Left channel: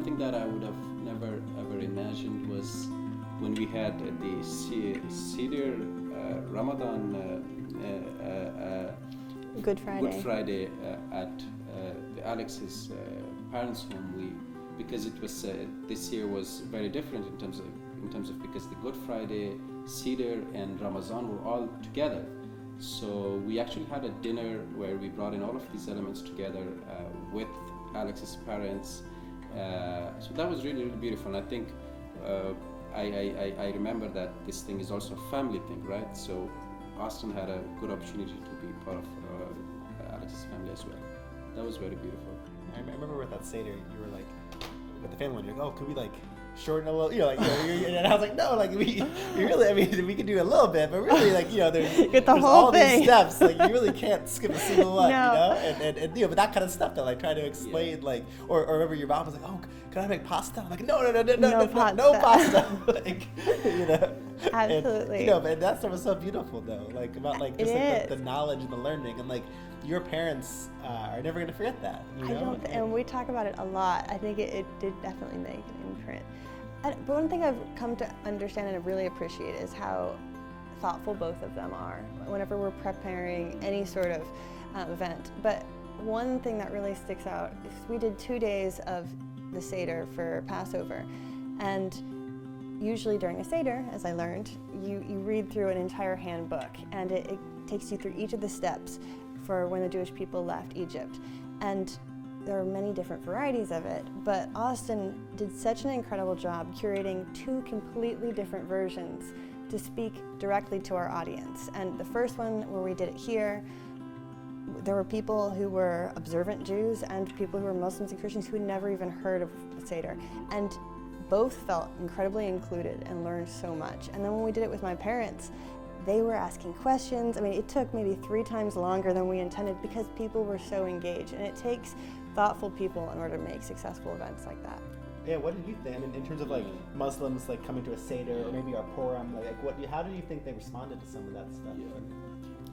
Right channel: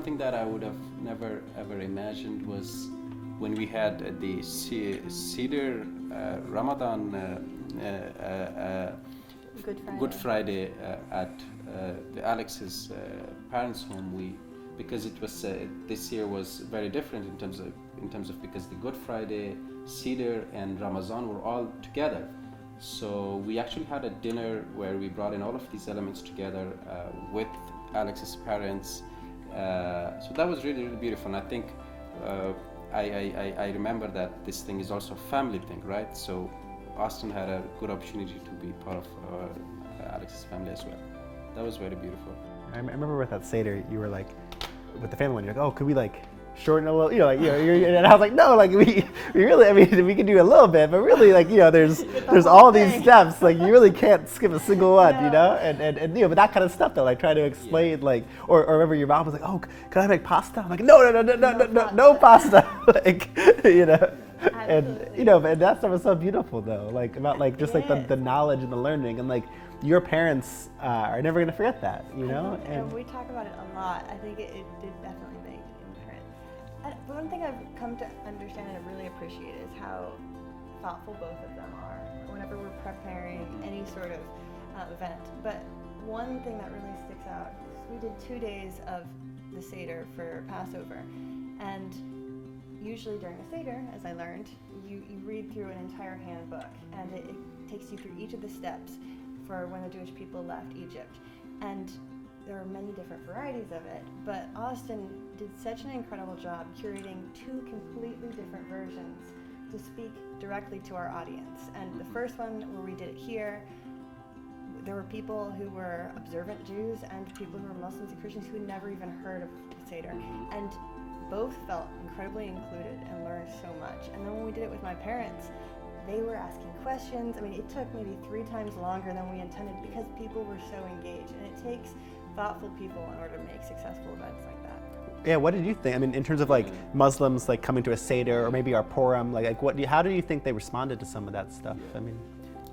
something that I would have never ever imagined was when we had the Seder Ramadan Good Friday at the Alex's parents' home. Because it was this year was very different in terms of because the Good Friday, Seder, and Ramadan were all together. So we actually had a dinner where we brought in all of these elements together with Alex's parents. So that was really, really beautiful. And I think I remember that this thing is also a family thing, right? So Austen had a good opportunity to be part of Alex's family as well. That was very beautiful. I remember with that Seder, you were like, with the family one, you're like, oh, could we like shorten a little, and I was like, no, like we really, I mean, we can do a little bit, but really, like, there's all these steps, like you really can't skip a single one, No. and but that kind of stuff though, like trying to explain, like, or remember your mom was like, oh, can I make pasta? I'm like, no pasta, like, Absolutely. and that stuff was so beautiful though, like about like just like the knowledge and the learning, and like your parents are never gonna forget that, And we talk about it a lot. I think it did definitely make an imprint. But one thing I've come to understand and really appreciate is how thoughtful both of them are whenever we're preparing any sort of event. But one thing that really sticks out is we did 2 days of the Seder for Passover, and usually during a Seder, as I learned, you read through an entire handbook, and it takes you through each of the steps for when the Jewish people left Egypt. And there are many different varieties of it, but Austen did such an incredible job curating 2 completely different versions to speak directly to our audience. And the first one, where we did it here, there were people who were observant Jews and people who were Muslims and Christians who had never even heard of the Seder. And both felt incredibly included and learned so much. And then when we did it with my parents, they were asking questions. I mean, it took maybe 3 times longer than we intended because people were so engaged. And it takes thoughtful people in order to make successful events like that. Yeah, what did you think? I mean, in terms of like Muslims like coming to a Seder or maybe our Purim, how do you think they responded to some of that stuff? I mean,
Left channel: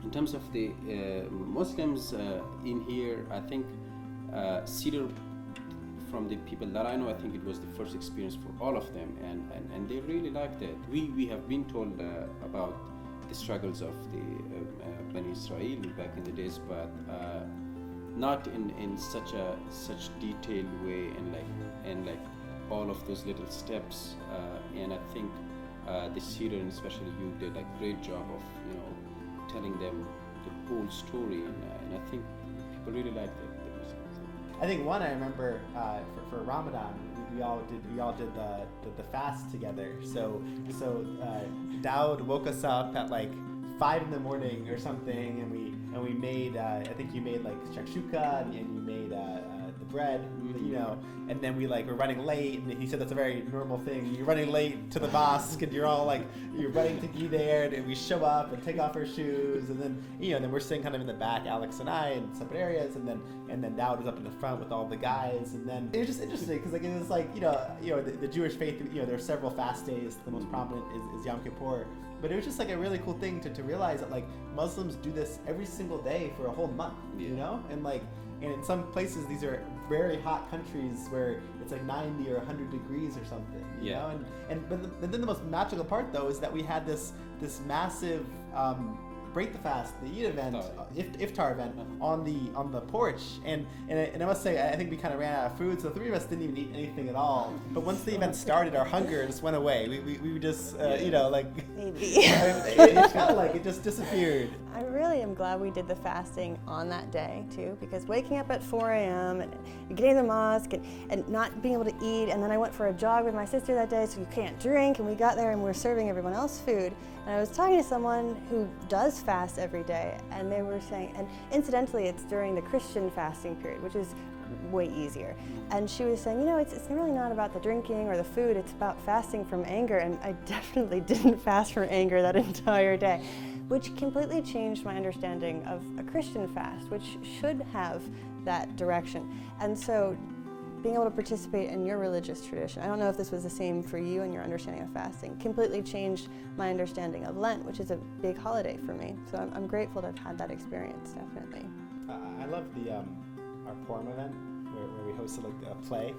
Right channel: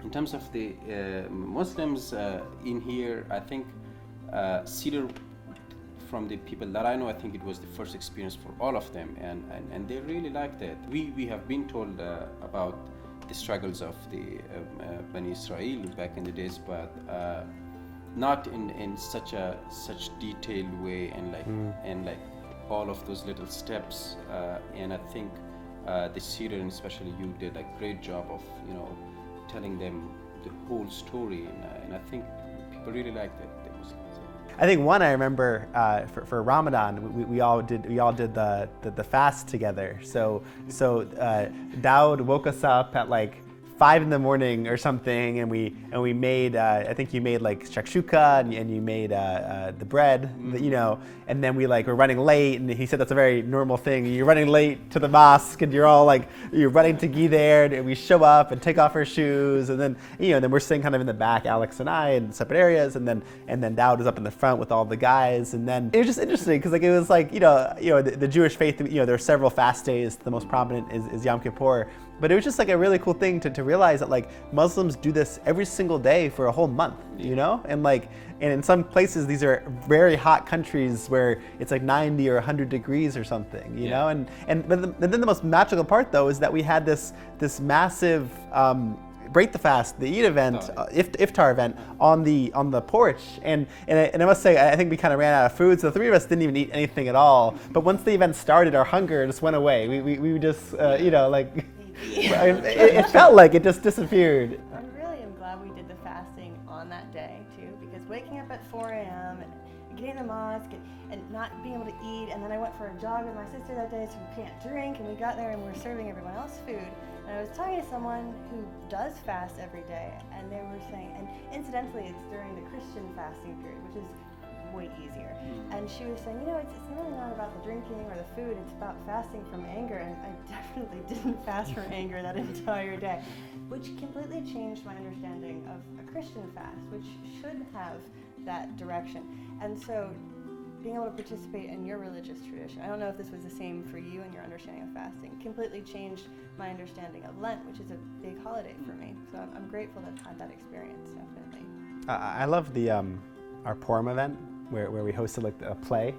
in terms of the Muslims in here, I think Seder, from the people that I know, I think it was the first experience for all of them, and they really liked it. We have been told about the struggles of the Bani Israel back in the days, but not in such detailed way, and like all of those little steps. And I think the Seder, and especially you, did a great job of telling them the whole story, and I think people really liked it. I think one I remember for Ramadan, we all did the fast together. So Daud woke us up at like 5 a.m. or something, and we made I think you made like shakshuka, and you made the bread, and then we were running late, and he said that's a very normal thing. You're running late to the mosque, and you're running to Gi there, and we show up and take off our shoes, and then then we're sitting kind of in the back, Alex and I, in separate areas, and then Daud was up in the front with all the guys, and then it was just interesting because it was the Jewish faith. There are several fast days. The most prominent is Yom Kippur. But it was just a really cool thing to realize that Muslims do this every single day for a whole month, and in some places these are very hot countries where it's 90 or 100 degrees or something, and then the most magical part though is that we had this massive break the fast, the Eid event, iftar event on the porch, and I must say I think we kind of ran out of food, so the 3 of us didn't even eat anything at all. But once the event started, our hunger just went away. We just it felt like it just disappeared. I really am glad we did the fasting on that day too, because waking up at 4 a.m. and getting to the mosque and not being able to eat, and then I went for a jog with my sister that day, so you can't drink, and we got there and we're serving everyone else food. And I was talking to someone who does fast every day, and they were saying, and incidentally it's during the Christian fasting period, which is way easier. And she was saying, it's really not about the drinking or the food, it's about fasting from anger. And I definitely didn't fast from anger that entire day, which completely changed my understanding of a Christian fast, which should have that direction. And so being able to participate in your religious tradition, I don't know if this was the same for you and your understanding of fasting, completely changed my understanding of Lent, which is a big holiday for me. So I'm grateful to have had that experience, definitely. I love our Purim event where we hosted a play,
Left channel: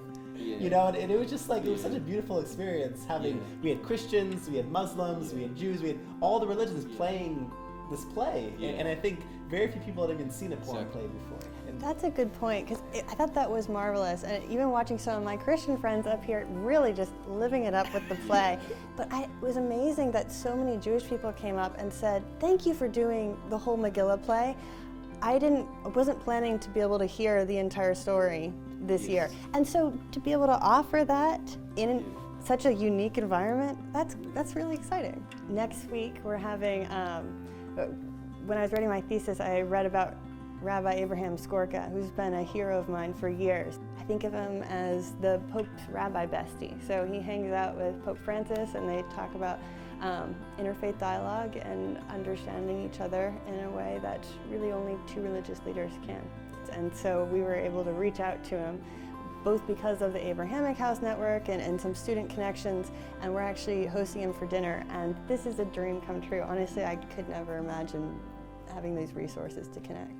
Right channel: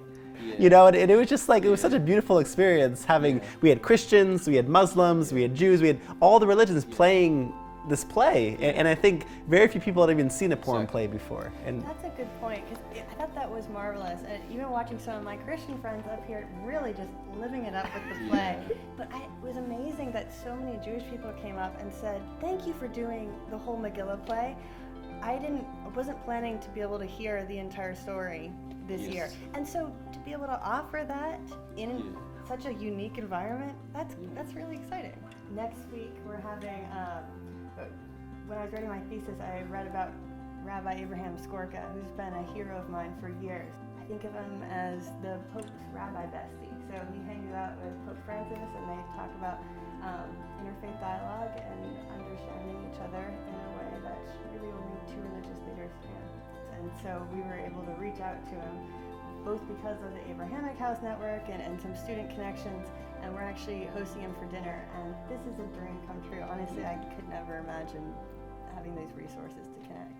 you know, and it was just like, it was such a beautiful experience having, we had Christians, we had Muslims, we had Jews, we had all the religions playing this play, and I think very few people had even seen a porn play before. And that's a good point, because I thought that was marvelous, and even watching some of my Christian friends up here really just living it up with the play. But it was amazing that so many Jewish people came up and said, thank you for doing the whole Megillah play. I wasn't planning to be able to hear the entire story this year. And so to be able to offer that in such a unique environment, that's really exciting. Next week we're having, when I was writing my thesis, I read about Rabbi Abraham Skorka, who's been a hero of mine for years. I think of him as the Pope's rabbi bestie. So he hangs out with Pope Francis and they talk about interfaith dialogue and understanding each other in a way that really only two religious leaders can. And so we were able to reach out to him both because of the Abrahamic House network and some student connections, and we're actually hosting him for dinner, and this is a dream come true. Honestly, I could never imagine having these resources to connect.